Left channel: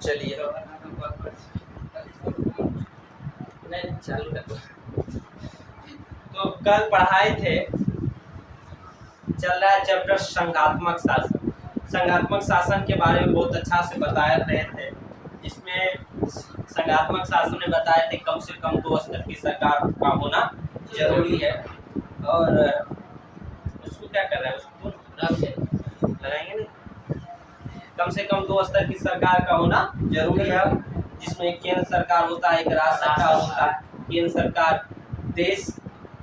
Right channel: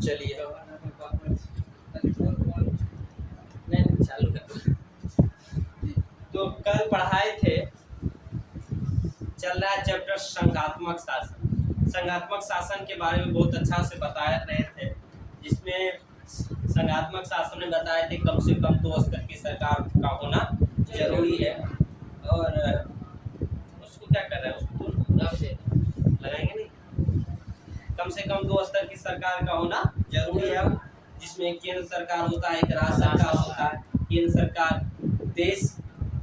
चलिए नहीं चालू है। तो कल पढ़ाए थे, चल रहा है चैप्टर संघात्मक शासन। संघात्मक शासन के बारे में बहुत अच्छा से बताए रहे थे। इसमें संघात्मक शासन में बताए थे कम से कम 2 स्तर की सरकार का होना जरूरी है। और उसको क्या करना है, उसको लगाएंगे नहीं, कम से कम 2 स्तर की सरकार का होना जरूरी है, जिसमें केंद्र सरकार होता है, एक राज्य सरकार होता है। केंद्र सरकार देश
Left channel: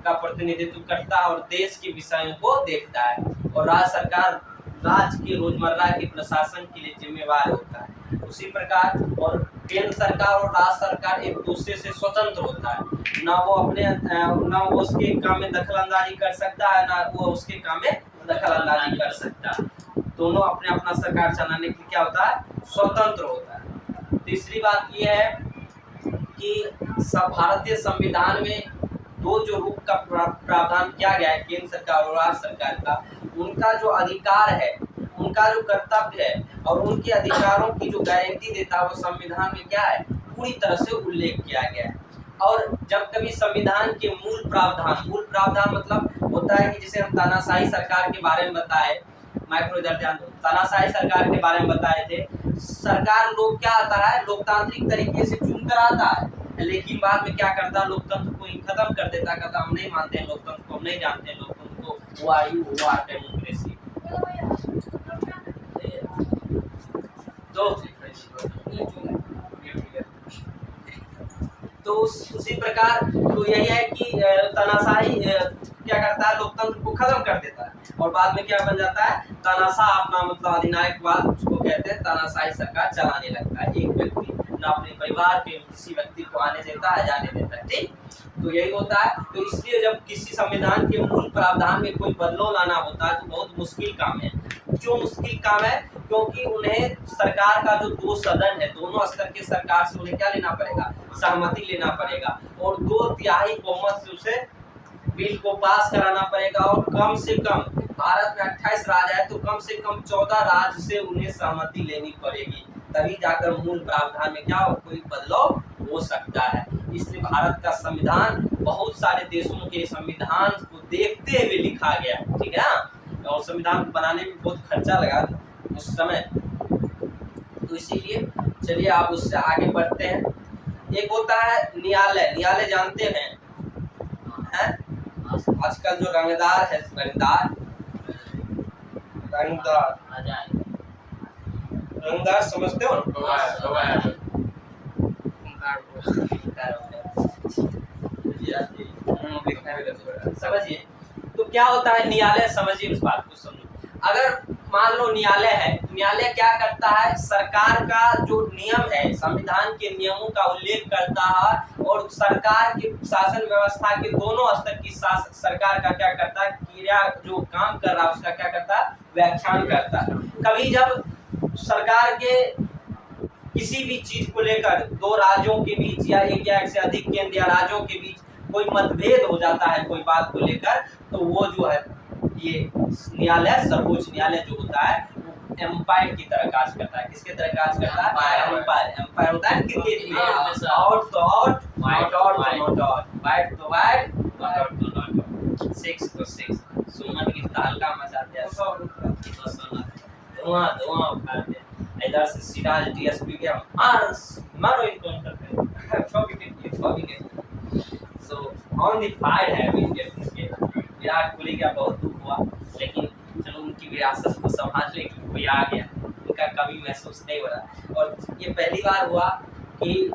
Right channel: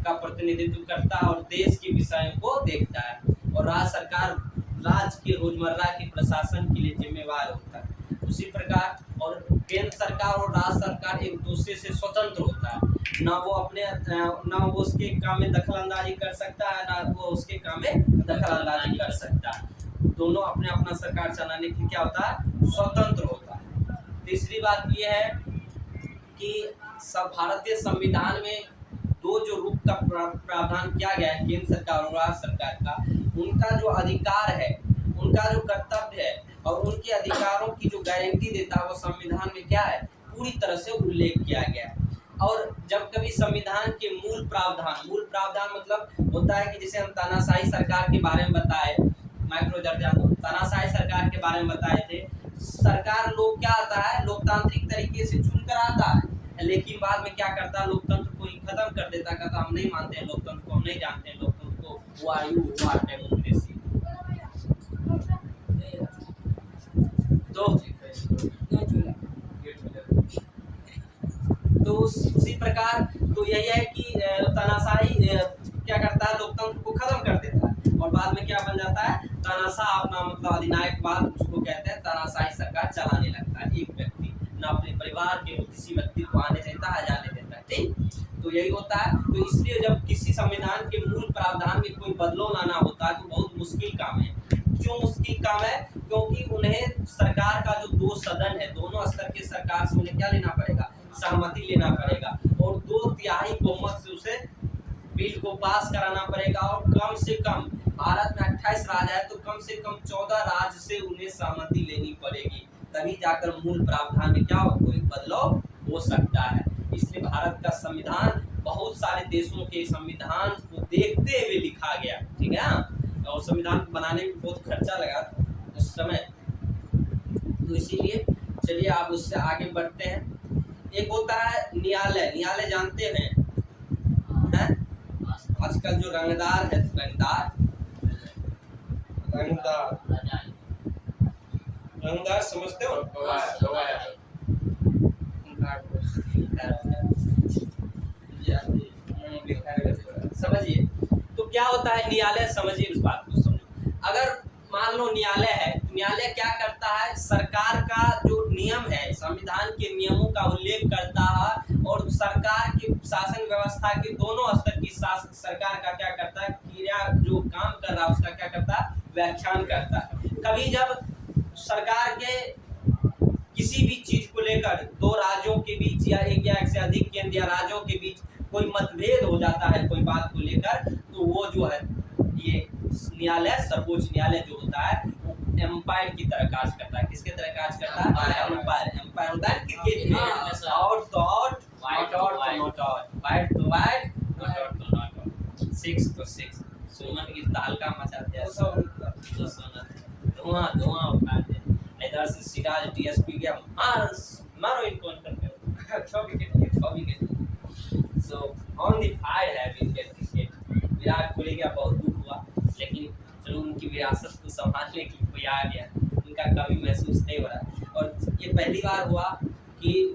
का प्रतिनिधित्व करता है और देश के विषयों को देखता है, और राज्य सरकार राज्य के रोजमर्रा के प्रशासन के लिए जिम्मेवार होता है। उसी प्रकार और केंद्र सरकार और राज्य सरकार एक दूसरे से स्वतंत्र होता है, ना वो उसके काम में दखल अंदाजी कर सकता है, ना वो उसके काम में दखल अंदाजी कर सकता है। दोनों अपने अपना सरकार चलाने के लिए क्या होता है, स्वतंत्र होता है। तीसरी बात यह है कि भारतीय संविधान में 2 जो रूप का प्रावधान किया गया है, केंद्र सरकार और राज्य सरकार का, उनका जो अधिकार है, उनका जो कर्तव्य है और उनके अधिकारों की जो गारंटी देता है, वो संविधान में क्या है, पूरी तरह से उल्लेख किया गया है। और जब कभी संविधान के मूल प्रावधान मतलब होता है कि जैसे हम तानाशाही सरकार के बारे में बताए, माइक्रो तानाशाही सरकार के बारे में बताए थे। सरकार लोग क्या आता है, लोकतांत्रिक तरीके से चुनकर आता है, लेकिन बाद में क्या करता है, लोकतंत्र को ही खत्म कर देता है, कहता हम नहीं मानते हैं लोकतंत्र को, हम नहीं जानते हैं लोकतंत्र को, वो डेमोक्रेसी। तो उसी प्रकार तो यही है कि तानाशाही क्या करता है, लोकतंत्र को खत्म कर देता है, और बाद में क्या बन जाता है, तानाशाह अपना मतलब अधिनायकवाद उसको कहते हैं, तानाशाही सरकार चलाने लगता है। एक व्यक्ति ना अपने परिवार के किसी व्यक्ति को आने देता है, जाने देता है, ठीक। तो यही होता है। तो इसलिए जब किसी संविधान के मूल प्रावधान में कोई बदलाव लाना होता है तो बहुत मुश्किल काम है। क्यों मुश्किल काम है, क्योंकि उन्हें सरकार का जो 2 सदन है, दोनों स्तर के सरकार से उन्हें क्या लेना पड़ेगा, सहमति लेना पड़ेगा, और 2/3 बहुमत से उसे बिल को पास कराना पड़ेगा। और कम से कम भारत में 28 राज्य है, तो कम से कम 14 राज्य से उन्हें सहमति लेनी पड़ेगी, तभी जाकर मूल प्रावधान में क्या कोई बदलाव हो सकता है। इसलिए भारत का संविधान बहुत सारे देशों के संविधान को देखते हुए लिखा गया, ठीक है ना। और संविधान को बनाने में बहुत खर्चा लगा उस समय, तो इसीलिए चलिए आप उससे आगे बढ़ते हैं। एक होता है न्यायालय। न्यायालय जानते हैं, आजकल जो रंगदार है, रंगदार समझते हो ना, समझिए। तो क्या होता है न्यायालय, समझिए उस बात को समझो। अगर मान लो न्यायालय है, तो न्यायालय क्या करता है, सरकार का जो नियम है, संविधान के नियमों का उल्लेख करता है, और सरकार के शासन व्यवस्था के दोनों स्तर की सरकार का क्या करता है, क्रिया जो काम कर रहा है उसका क्या करता है, व्याख्यान करता है। कभी जब सरकार के किसी भी चीज को लेकर 2 राज्यों के बीच या एक से अधिक केंद्र या राज्यों के बीच कोई मतभेद हो जाता है कोई बात को लेकर, तो वो जो है ये न्यायालय, सर्वोच्च न्यायालय जो होता है, एम्पायर की तरह कार्य करता है। किसके तरह कार्य करता है, एम्पायर होता है क्रिकेट में, आउट तो आउट, नॉट आउट तो नॉट आउट, वाइड तो वाइड, नॉट आउट तो नॉट आउट, 6 तो 6। सुमन की तहलका मचाते हैं, धुआं उठाते हैं। इधर से सिराज डीएसपी के मारो इनकाउंटर पे, 6 wicket. So on the FIDE है विकेट। विराट कोहली का बहुत दुख हुआ, लेकिन चलो उनकी विरासत को संभालने के लिए कोई आ गया, उनका कभी महसूस नहीं हो रहा। और ये पहली बार हुआ कि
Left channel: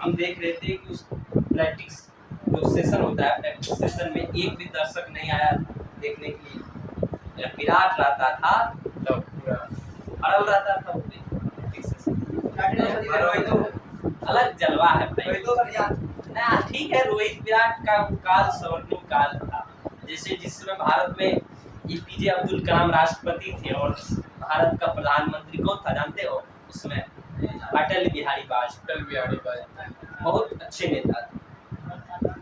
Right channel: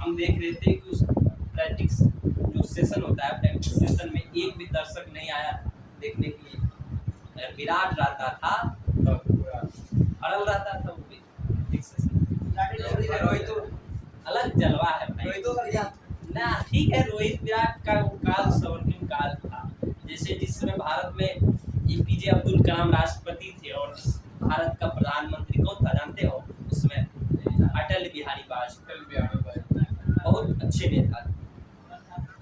हम देख रहे थे कि उस प्रैक्टिस जो सेशन होता है, प्रैक्टिस सेशन में एक भी दर्शक नहीं आया देखने के लिए। विराट रहता था तो पूरा अड़ल रहता था, अलग जलवा है ना, ठीक है। रोहित विराट का काल स्वर्णिम काल था। जैसे जिस समय भारत में एपीजे अब्दुल कलाम राष्ट्रपति थे और भारत का प्रधानमंत्री कौन था जानते हो, उसमें अटल बिहारी वाजपेयी, बहुत अच्छे नेता थे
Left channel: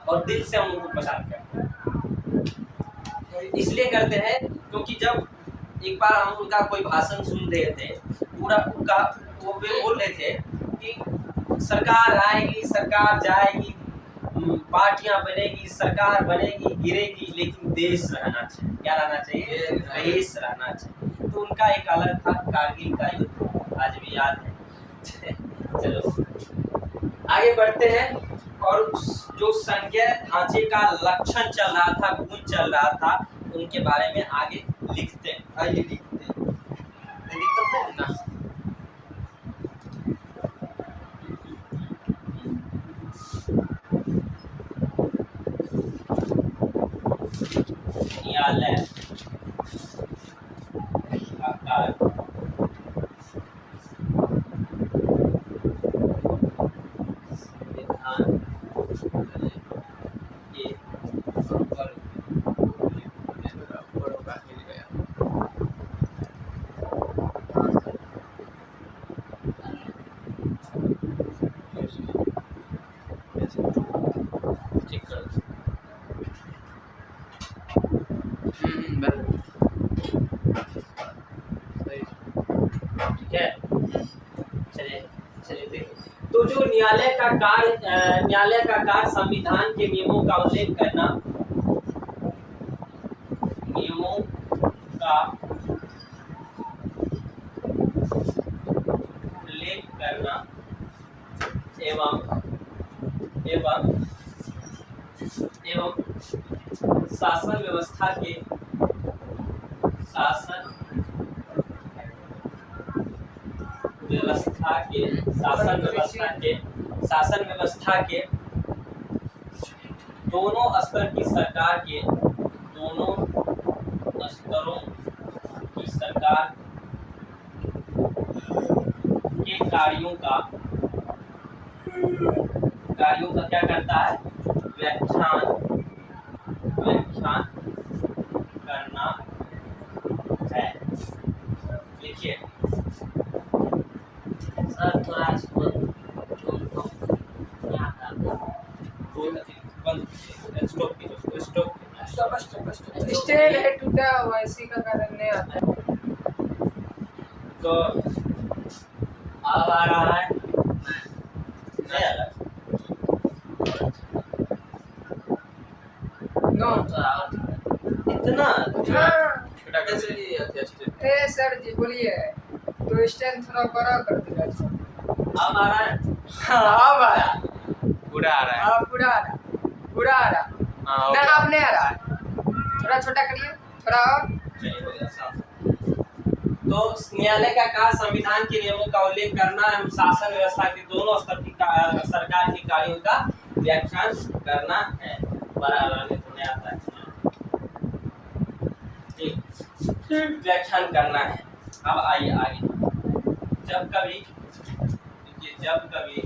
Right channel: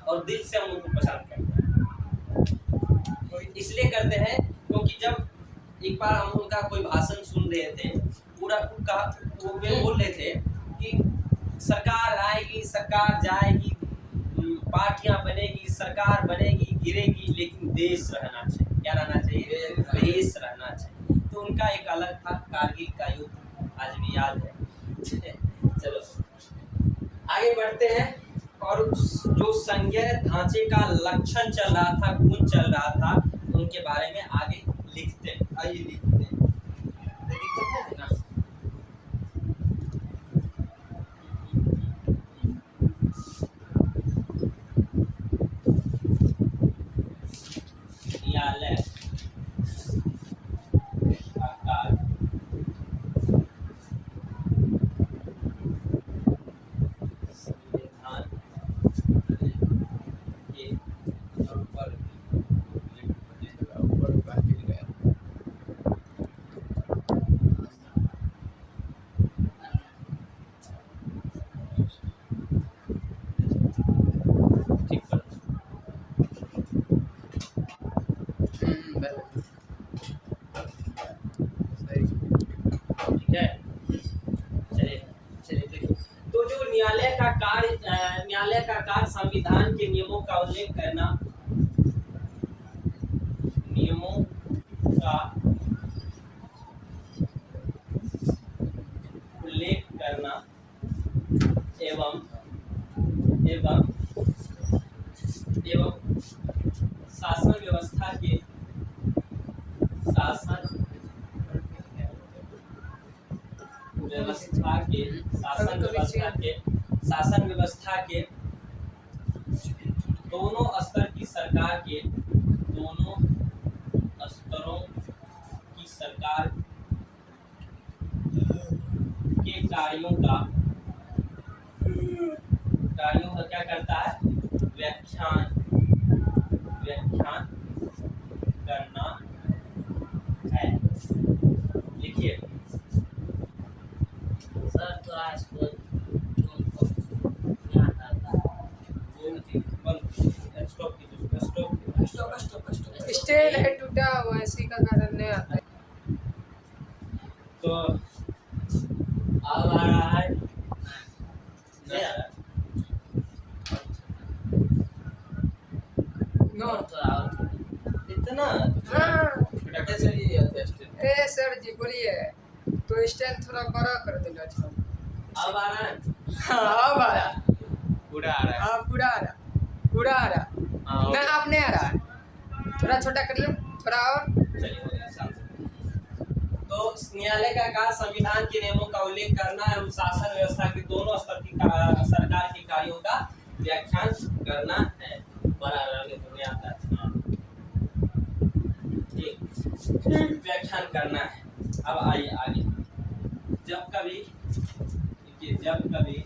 और दिल से हम उनको पसंद करते हैं। इसलिए करते हैं क्योंकि जब एक बार हम उनका कोई भाषण सुन रहे थे पूरा उनका वो वे बोल रहे थे कि सरकार आएगी, सरकार जाएगी, पार्टियां बनेगी, सरकार बनेगी, गिरेगी, लेकिन देश रहना चाहिए। क्या रहना चाहिए? देश रहना चाहिए। तो उनका एक अलग था कारगिल का युद्ध, आज भी याद है। चलो आगे बढ़ते हैं। और जो संज्ञा ढांचे का लक्षण चल रहा था, गुण चल रहा था, उनके बारे में आगे लिखते हैं। आइए लिखते हैं, लिखते हैं ना। न्यायालय आकार संविधान के ठीक कर ठीक है। चलिए चलिए देखिए, तो जो न्यायालय का कार्य संविधान के नियमों का उल्लेख करना, नियमों का उल्लेख करना एवं एवं एवं शासन व्यवस्था के शासन व्यवस्था के दोनों स्तर की सरकार के दोनों स्तरों की सरकार के कार्यों का क्या करता है? व्याख्यान करना है। लिखिए सर, थोड़ा इसको स्टेल है टूटा हुआ, इसी का कारण नहीं आता है। तो अब आ रहा है, नहीं आ रहा। नो इतना हाँ। कैसे? ए सर जी बोलिए, तो स्टैंड थोड़ा बड़ा कर देगा। अब आ रहा है। हाँ अब आ रहा, पूरा आ रहा है। अब पूरा आ रहा, पूरा आ रहा। हाँ, ना अब नहीं आ रहा है, थोड़ा छोटा करिए, थोड़ा और। चलिए हो गया साफ। तो न्यायालय का कार्य संविधान के नियमों का उल्लेख करना एवं शासन व्यवस्था के दोनों स्तर की सरकार के कार्यों का व्याख्यान करना है। बड़ा आने तो नहीं आता है, ठीक, व्याख्यान करना है। अब आइए आगे। जब कभी देखिए, जब कभी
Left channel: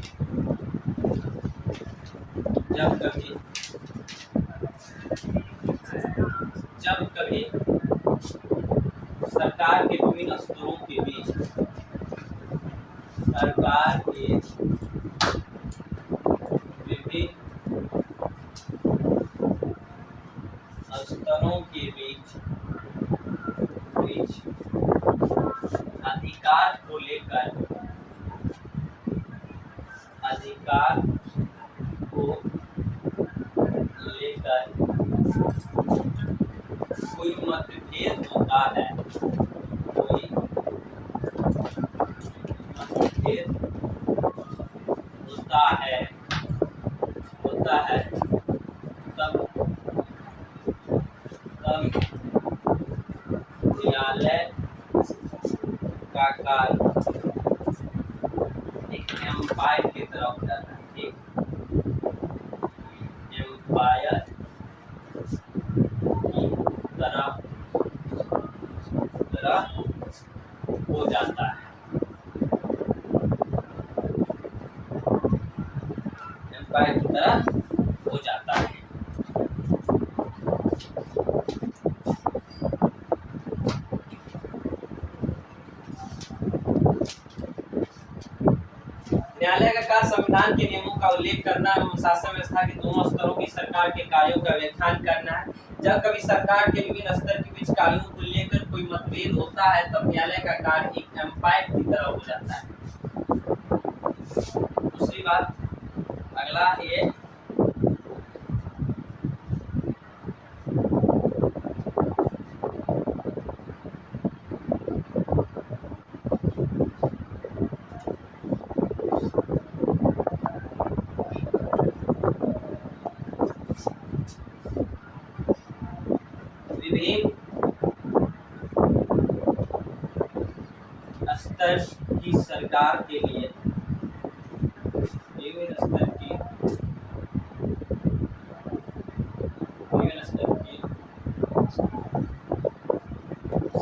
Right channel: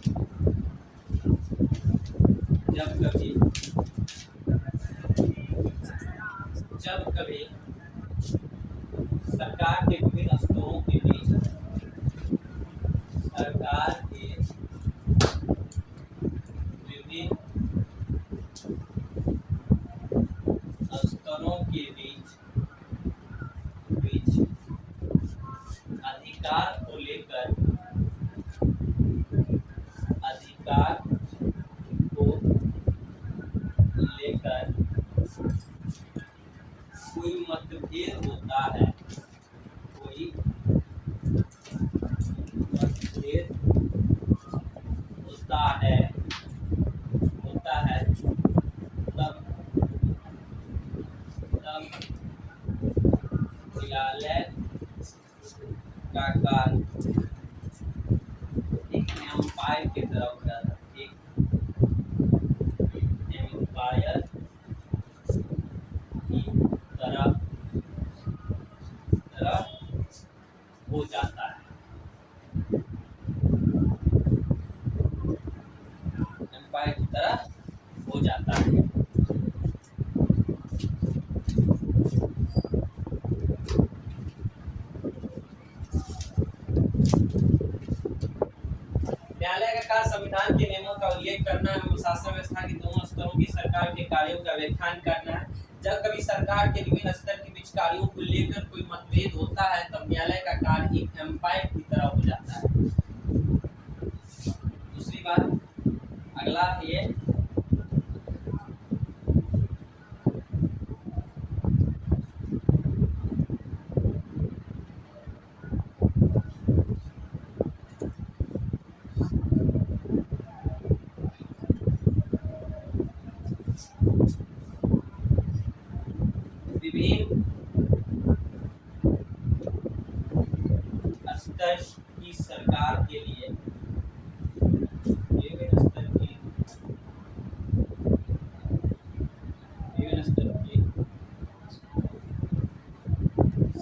सरकार के विभिन्न स्तरों के बीच अधिकार को लेकर कोई मतभेद होता है, तब न्यायालय का कार्य एक एम्पायर की तरफ जाता है, एक एम्पायर की तरह हो जाता है। एम्पायर की तरह हो जाता है। न्यायालय का कार्य संविधान के नियमों का उल्लेख करना एवं शासन व्यवस्था के दोनों स्तरों की सरकार के कार्यों का व्याख्यान करना है। जब कभी सरकार के विभिन्न स्तर के बीच कार्यों को लेकर कोई मतभेद होता है, तब न्यायालय का कार्य एक एम्पायर की तरह हो जाता है। दूसरी बात, अगला ये विभिन्न स्तर की सरकार के लिए, विभिन्न स्तर की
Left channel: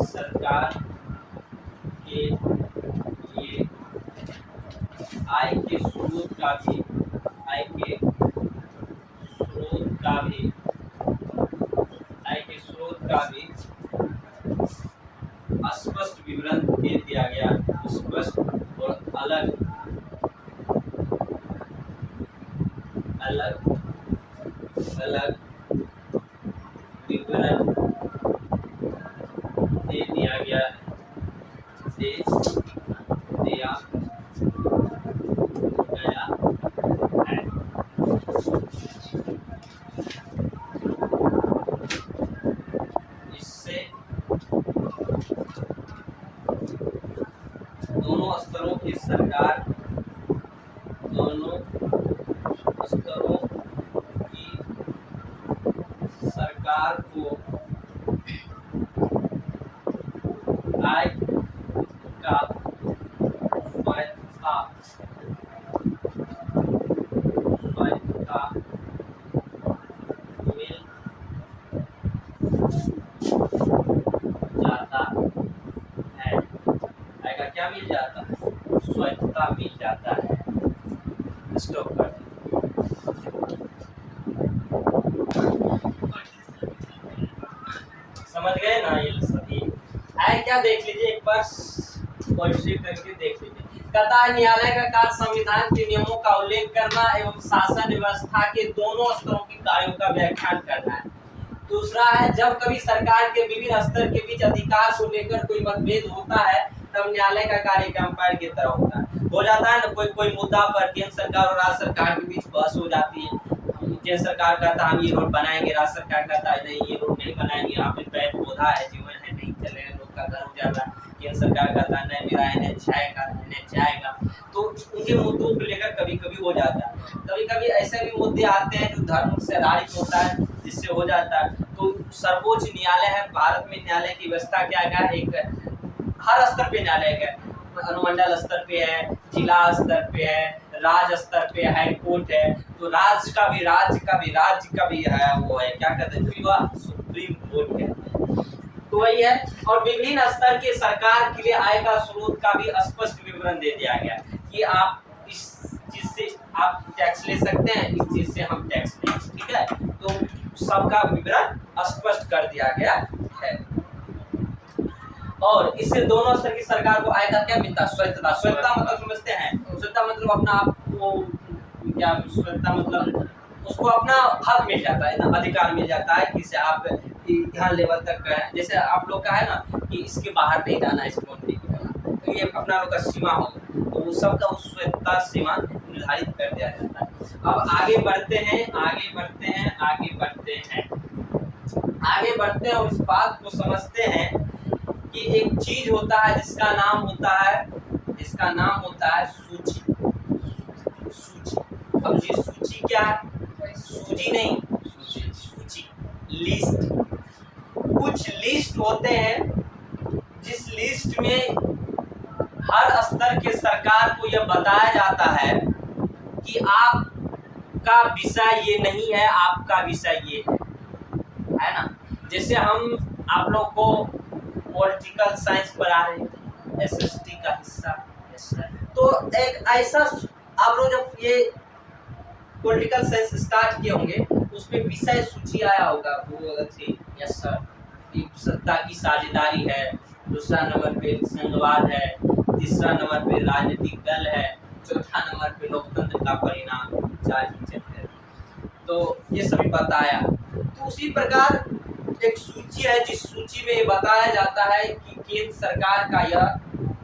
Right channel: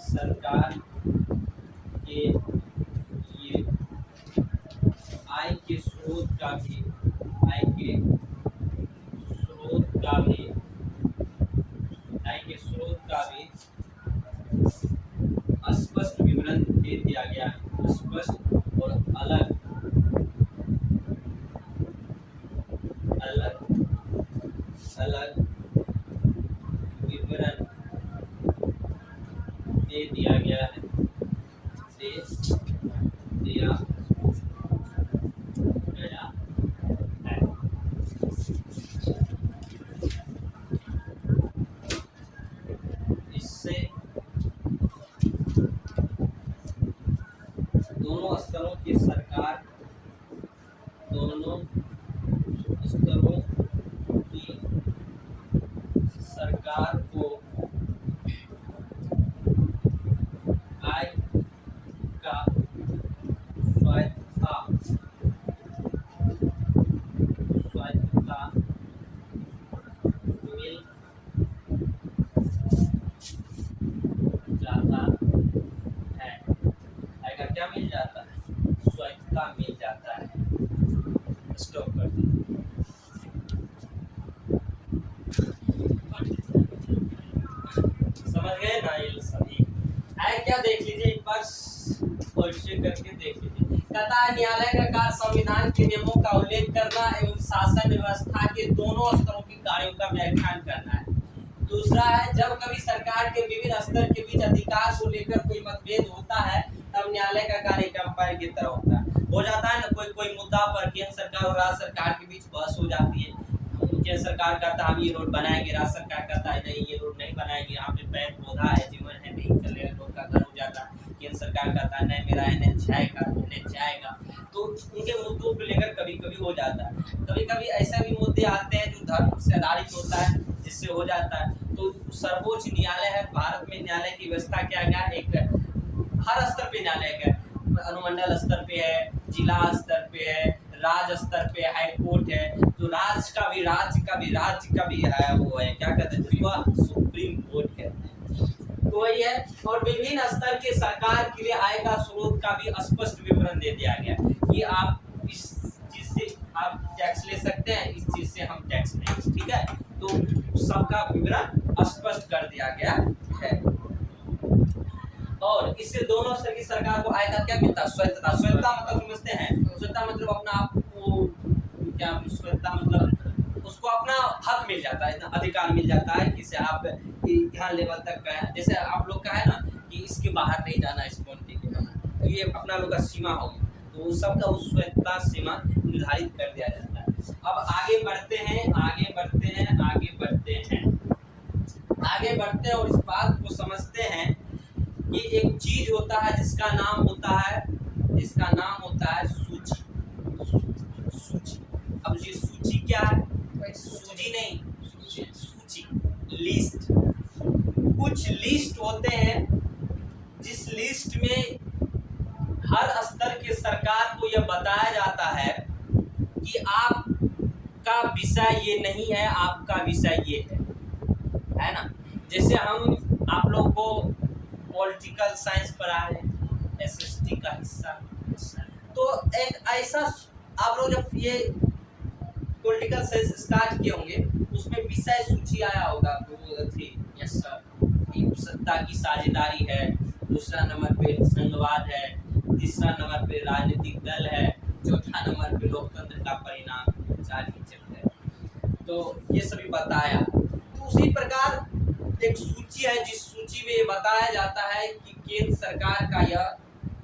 सरकार के लिए आय के स्रोत का भी, आय के स्रोत का भी, आय के स्रोत का भी स्पष्ट विवरण दे दिया गया। स्पष्ट और अलग अलग अलग विवरण दे दिया गया है, दे दिया गया है। इससे दोनों स्तरों की सरकार, दोनों स्तरों की सरकार को आय का स्वायत्तता मिल जाता है। आय का क्या मिल जाता है? स्वायत्तता मिल जाता है। स्टॉप कर दीजिए। समझ गए ना ये सभी? आय क्या देख लीजिए एक बार, वैसे करके देख लीजिए। कहता है न्यायालय का कार्य संविधान के नियमों का उल्लेख करना एवं शासन व्यवस्था के दोनों स्तरों के कार्यों का व्याख्यान करना है। दूसरा है, जब कभी सरकार के विभिन्न स्तर के बीच अधिकार को लेकर कोई मतभेद होता है तब न्यायालय का कार्य एक अंपायर की तरह होता है। हो जाता है ना, कोई मुद्दा पर केंद्र सरकार और राज्य सरकार के बीच बहस हो जाती है। केंद्र सरकार कहता है हम ये रोड बनाएंगे, राज्य सरकार कहता है नहीं ये रोड नहीं बनाएंगे, यहाँ पे पेड़ पौधा है, जीवन है, नहीं चलेगा, लोग का घर हो जाता है। केंद्र सरकार कहता है नहीं मेरा NH जाएगा। तो उनके मुद्दों को लेकर कभी कभी हो जाता है। कभी कभी ऐसे भी मुद्दे आते हैं जो धर्म से आधारित होता है, जिससे हो जाता है। तो सर्वोच्च न्यायालय है भारत में। न्यायालय की व्यवस्था क्या है? एक हर स्तर पे न्यायालय है, अनुमंडल स्तर पे है, जिला स्तर पे है, राज्य स्तर पे हाई कोर्ट है। तो राज्य का भी है, वो है क्या कहते हैं, सुप्रीम कोर्ट है। तो वही है। और विभिन्न स्तर के सरकार के लिए आय का स्रोत का भी स्पष्ट विवरण दे दिया गया कि आप इस चीज से आप टैक्स ले सकते हैं, इस चीज से हम टैक्स लेंगे, ठीक है। तो सबका विवरण स्पष्ट कर दिया गया है। और इससे दोनों स्तर की सरकार को आय का क्या मिलता है? स्वायत्तता। स्वायत्तता मतलब समझते हैं? स्वायत्तता मतलब अपना आप को क्या, स्वायत्तता मतलब उसको अपना हक मिल जाता है ना, अधिकार मिल जाता है कि आप यहाँ लेवल तक गए। जैसे आप लोग का है ना कि इसके बाहर नहीं जाना, इस बाउंड्री के बाहर, तो ये अपना लोग का सीमा होगा। तो उस सब का उस स्वायत्तता सीमा निर्धारित कर दिया जाता है। अब आगे बढ़ते हैं और इस बात को समझते हैं कि एक चीज होता है जिसका नाम होता है सूची। अब ये सूची क्या है? सूची नहीं, सूची, लिस्ट। कुछ लिस्ट होते हैं जिस लिस्ट में हर स्तर के सरकार को यह बताया जाता है कि आपका विषय ये नहीं है, आपका विषय ये है ना। जैसे हम आप लोग को पॉलिटिकल साइंस पढ़ा रहे हैं, SST का हिस्सा, तो एक ऐसा आप लोग जब ये पॉलिटिकल साइंस स्टार्ट किए होंगे उसमें विषय सूची आया होगा, वो थी यस सर, सत्ता की साझेदारी है, दूसरा नंबर पे संघवाद है, तीसरा नंबर पे राजनीतिक दल है, चौथा नंबर पे लोकतंत्र का परिणाम, चार ही चलते हैं। तो ये सभी बताया। तो उसी प्रकार एक सूची है जिस सूची में बताया जाता है कि केंद्र सरकार का यह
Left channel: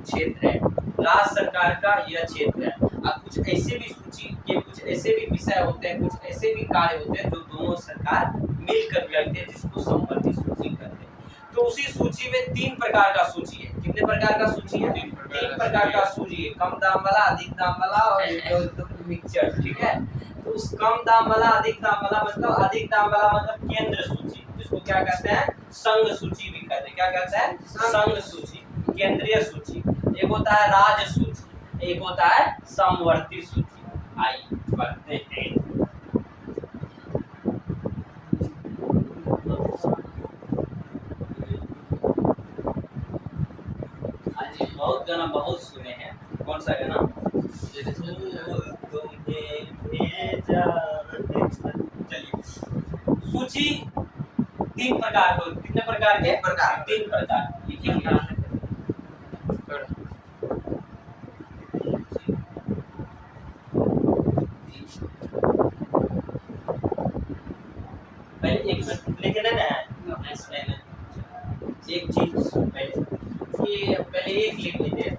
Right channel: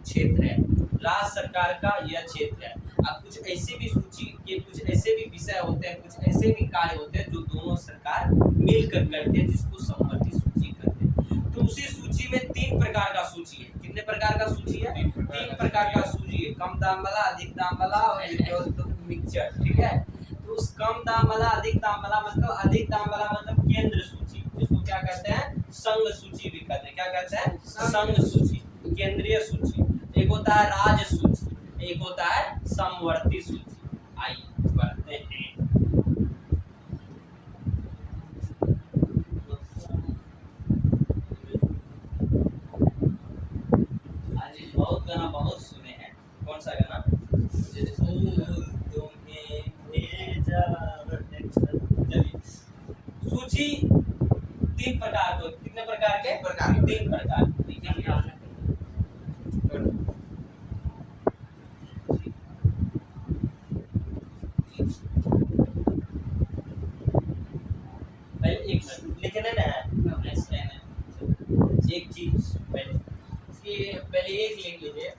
क्षेत्र है, राज्य सरकार का यह क्षेत्र है। अब कुछ ऐसे भी सूची के कुछ ऐसे भी विषय होते हैं, कुछ ऐसे भी कार्य होते हैं जो दोनों सरकार मिलकर करते हैं, जिसको समवर्ती सूची कहते हैं। तो उसी सूची में 3 प्रकार का सूची है। कितने प्रकार का सूची है? 3 प्रकार का सूची है। कम दाम वाला, अधिक दाम वाला और मिक्सचर, ठीक है। तो उस कम दाम वाला, अधिक दाम वाला मतलब, अधिक दाम वाला मतलब केंद्र सूची, जिसको क्या कहते हैं? संघ सूची भी कहते हैं। क्या कहते हैं? संघ सूची, केंद्रीय सूची। एक होता है राज्य सूची, एक होता है समवर्ती सूची। आइए पढ़ते हैं। आज बहुत गाना बहुत सुने हैं। कौन सा गाना? तुम्हें भेजा। चलिए, सूची 3 प्रकार को, कितने प्रकार के? 3 प्रकार लिखेंगे। पहले एक मिनट लिखना ना है। एक चीज पहले एक लिख लीजिए।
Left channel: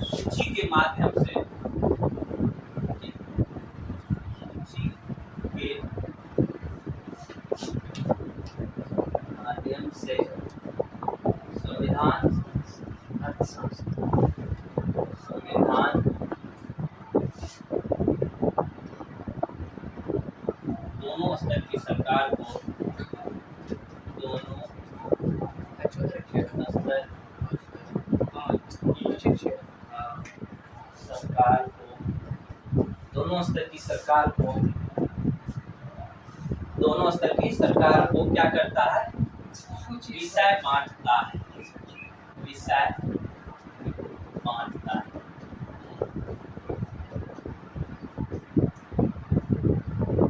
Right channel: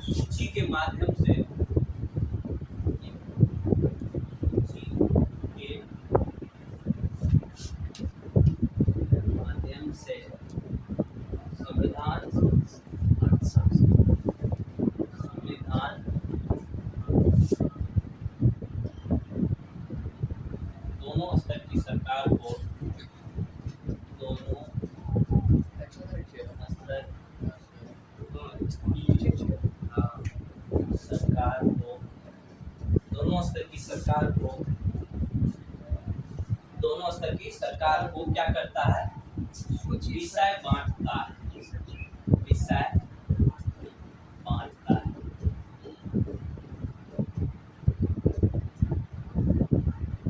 सूची के माध्यम से, सूची के माध्यम से संविधान दोनों स्तर की सरकार को, दोनों स्तर की सरकार को, दोनों स्तर की सरकार को, दोनों स्तर की सरकार को क्या करता है? विषय बांटता है, विषय बांटता है।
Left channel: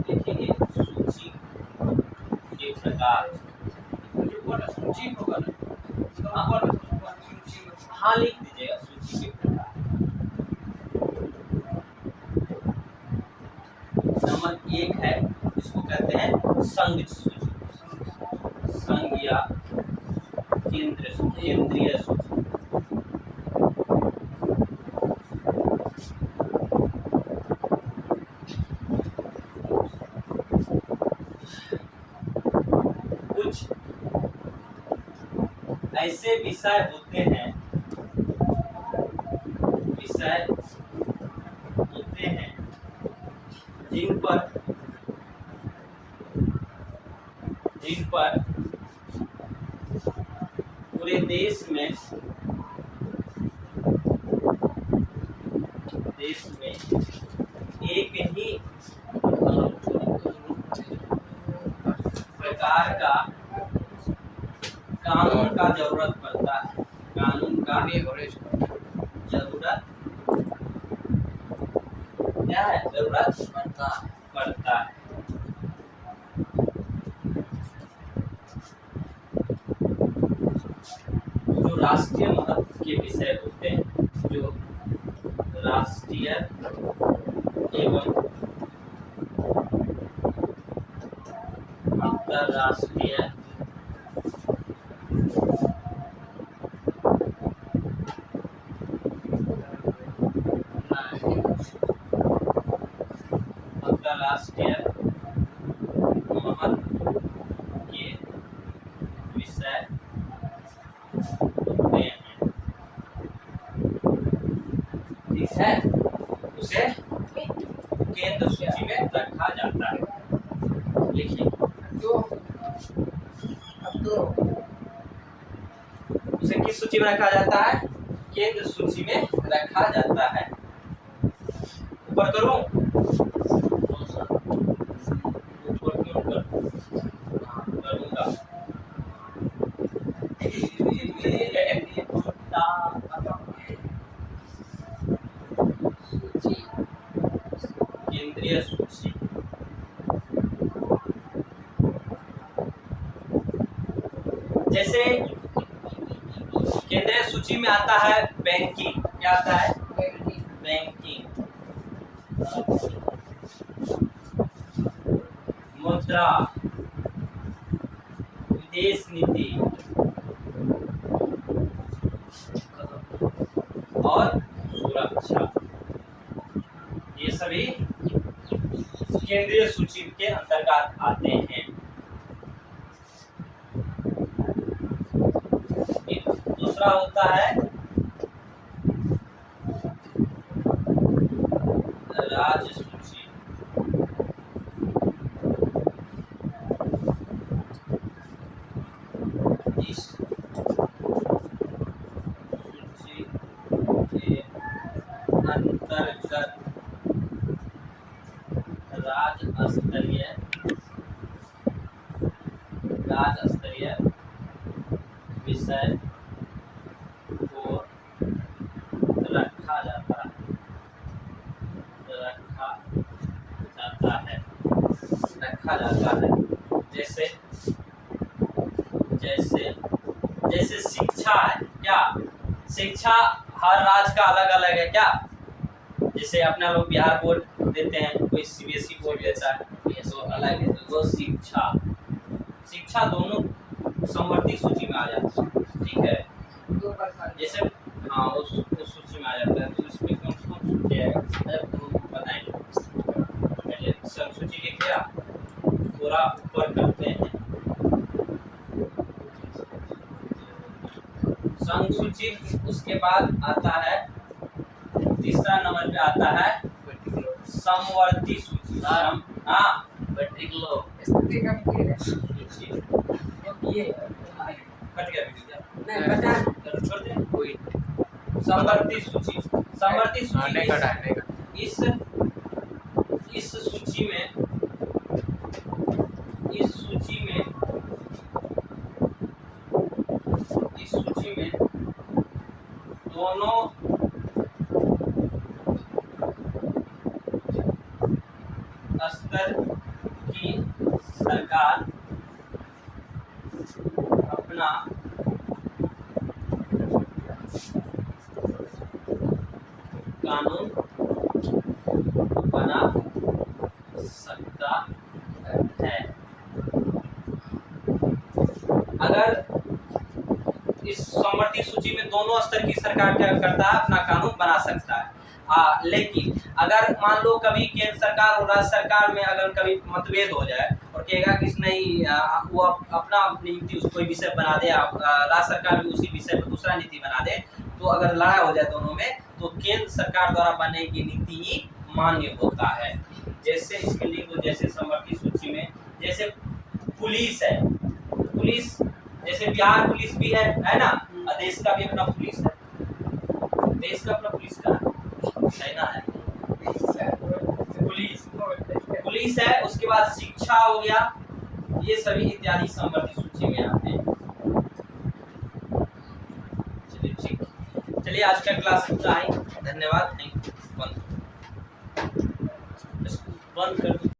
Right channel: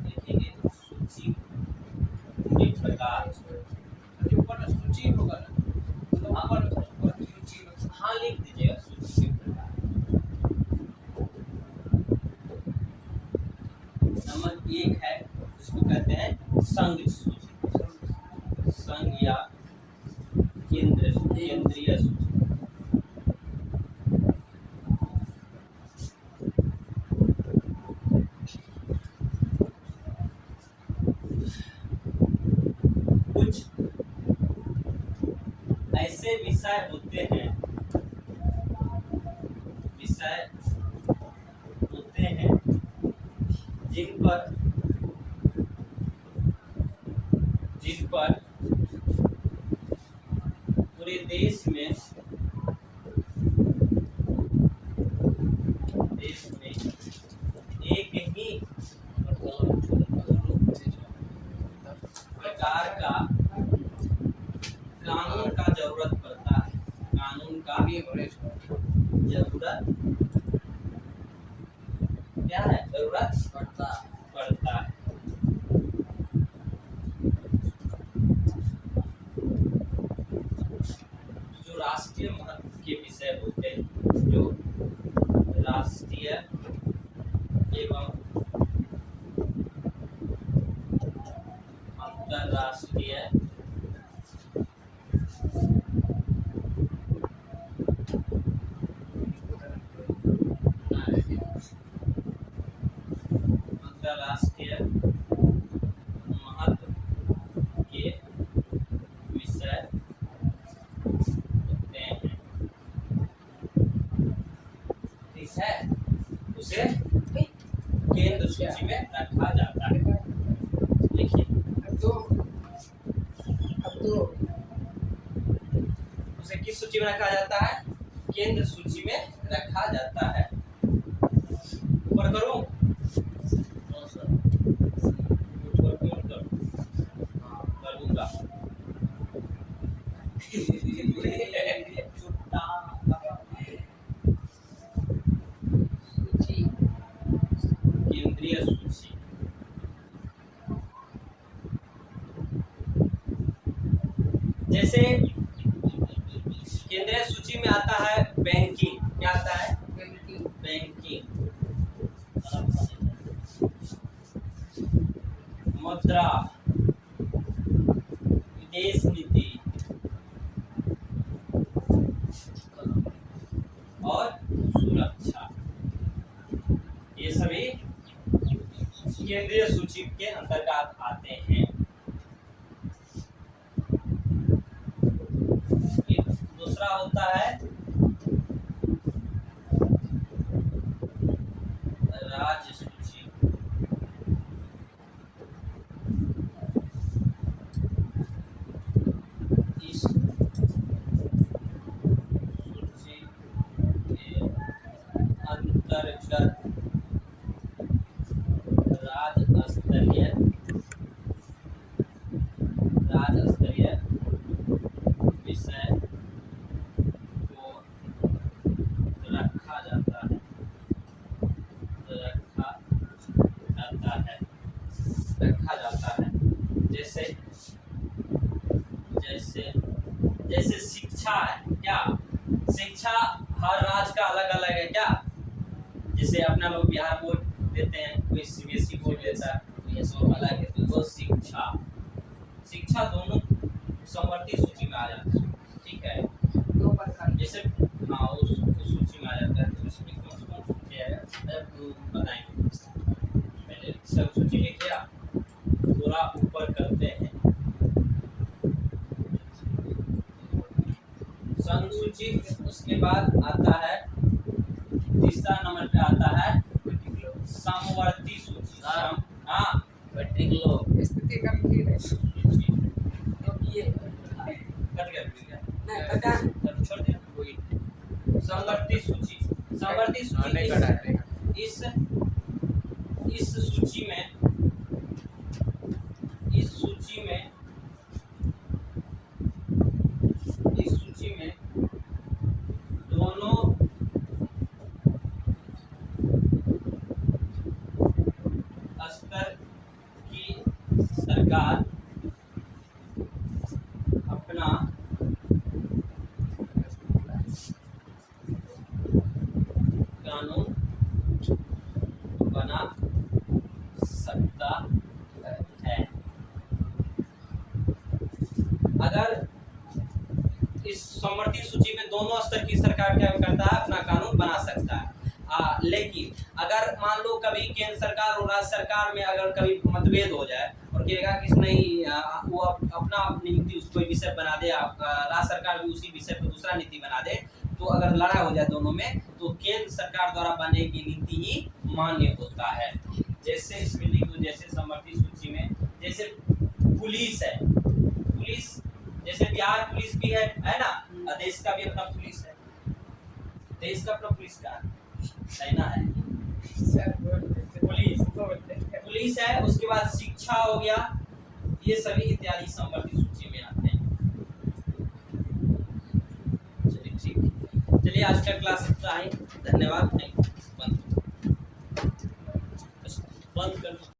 देखिए सूची के प्रकार, सूची होगा ना, हाँ लिख दीजिएगा सूची के प्रकार। नंबर 1 है, इसको कहते हैं संघ सूची, संघ या केंद्रीय सूची। कुछ ऐसे विषय होते हैं, विषय होते हैं जिन पर पूरे देश में एक ही प्रकार का कानून का जरूरत पड़ता है, कानून का जरूरत क्या है? जरूरत पड़ता है। जो राष्ट्रीय महत्व के विषय होते हैं, जो राष्ट्रीय एवं अंतरराष्ट्रीय महत्व के विषय होते हैं, ठीक है, उसे केंद्र सूची में रखा जाता है। लिखिए, उसे किस सूची में रखा जाता है? केंद्र सूची में रखा जाता है। ऊपर करूं? ऊपर क्यों करूंगा? केंद्रीय सूची, जैसे केंद्रीय सूची में आता है बैंकिंग। क्या आता है? बैंकिंग, मुद्रा, विदेश नीति, केंद्रीय सूची के अंतर्गत आते हैं। दूसरा होता है राज्य सूची। इस सूची के अंतर्गत राज्य स्तरीय विषय को रखा जाता है। जैसे जैसे जैसे शिक्षा है क्या, शिक्षा हर राज्य का अलग अलग है क्या। जैसे अपना लोग बिहार बोर्ड देते हैं, कोई सीबीएसई बोर्ड देता है, ये तो अलग है। तो शिक्षा दोनों समवर्ती सूची में आ जाता है, ठीक है। जैसे हाँ उस सूची में आ जाता है। तो इसमें कौन कौन सूची है बताएंगे। पहले संघ सूची लिख लिया, पूरा ऊपर करते हैं संघ सूची। उसके बाद आता है तीसरा नंबर पे आता है समवर्ती सूची। हाँ स्थिति गंभीर है। सूची ये कट गया वीडियो क्या? नहीं बता चलो छोड़ दे। कोई समवर्ती सूची, समवर्ती सूची इस सूची में दोनों स्तर की सरकार अपना कानून बना सकता है। अगर इस समवर्ती सूची में दोनों स्तर की सरकार क्या करता है, अपना कानून बना सकता है। लेकिन अगर मान लो कभी केंद्र सरकार और राज्य सरकार में अगर कभी मतभेद हो जाए और कहेगा कि नहीं वो अपना नीति कोई विषय बना दे, राज्य सरकार भी उसी विषय पर दूसरा नीति बना दे, तो अगर लड़ाई हो जाए दोनों में, तो केंद्र सरकार द्वारा बनाई गई नीति ही मान्य होता है। जैसे इसमें लिख दो, जैसे समवर्ती सूची में जैसे पुलिस है, पुलिस जैसे बिहार पुलिस भी है ना, और देश का भी अपना पुलिस है। देश का अपना पुलिस का सेना है, पुलिस है। उसके बाद शिक्षा हो गया, ये सभी इत्यादि समवर्ती सूची में आते हैं। चलिए ठीक, चलिए आज का क्लास इतना ही। धन्यवाद, थैंक यू। बंद कर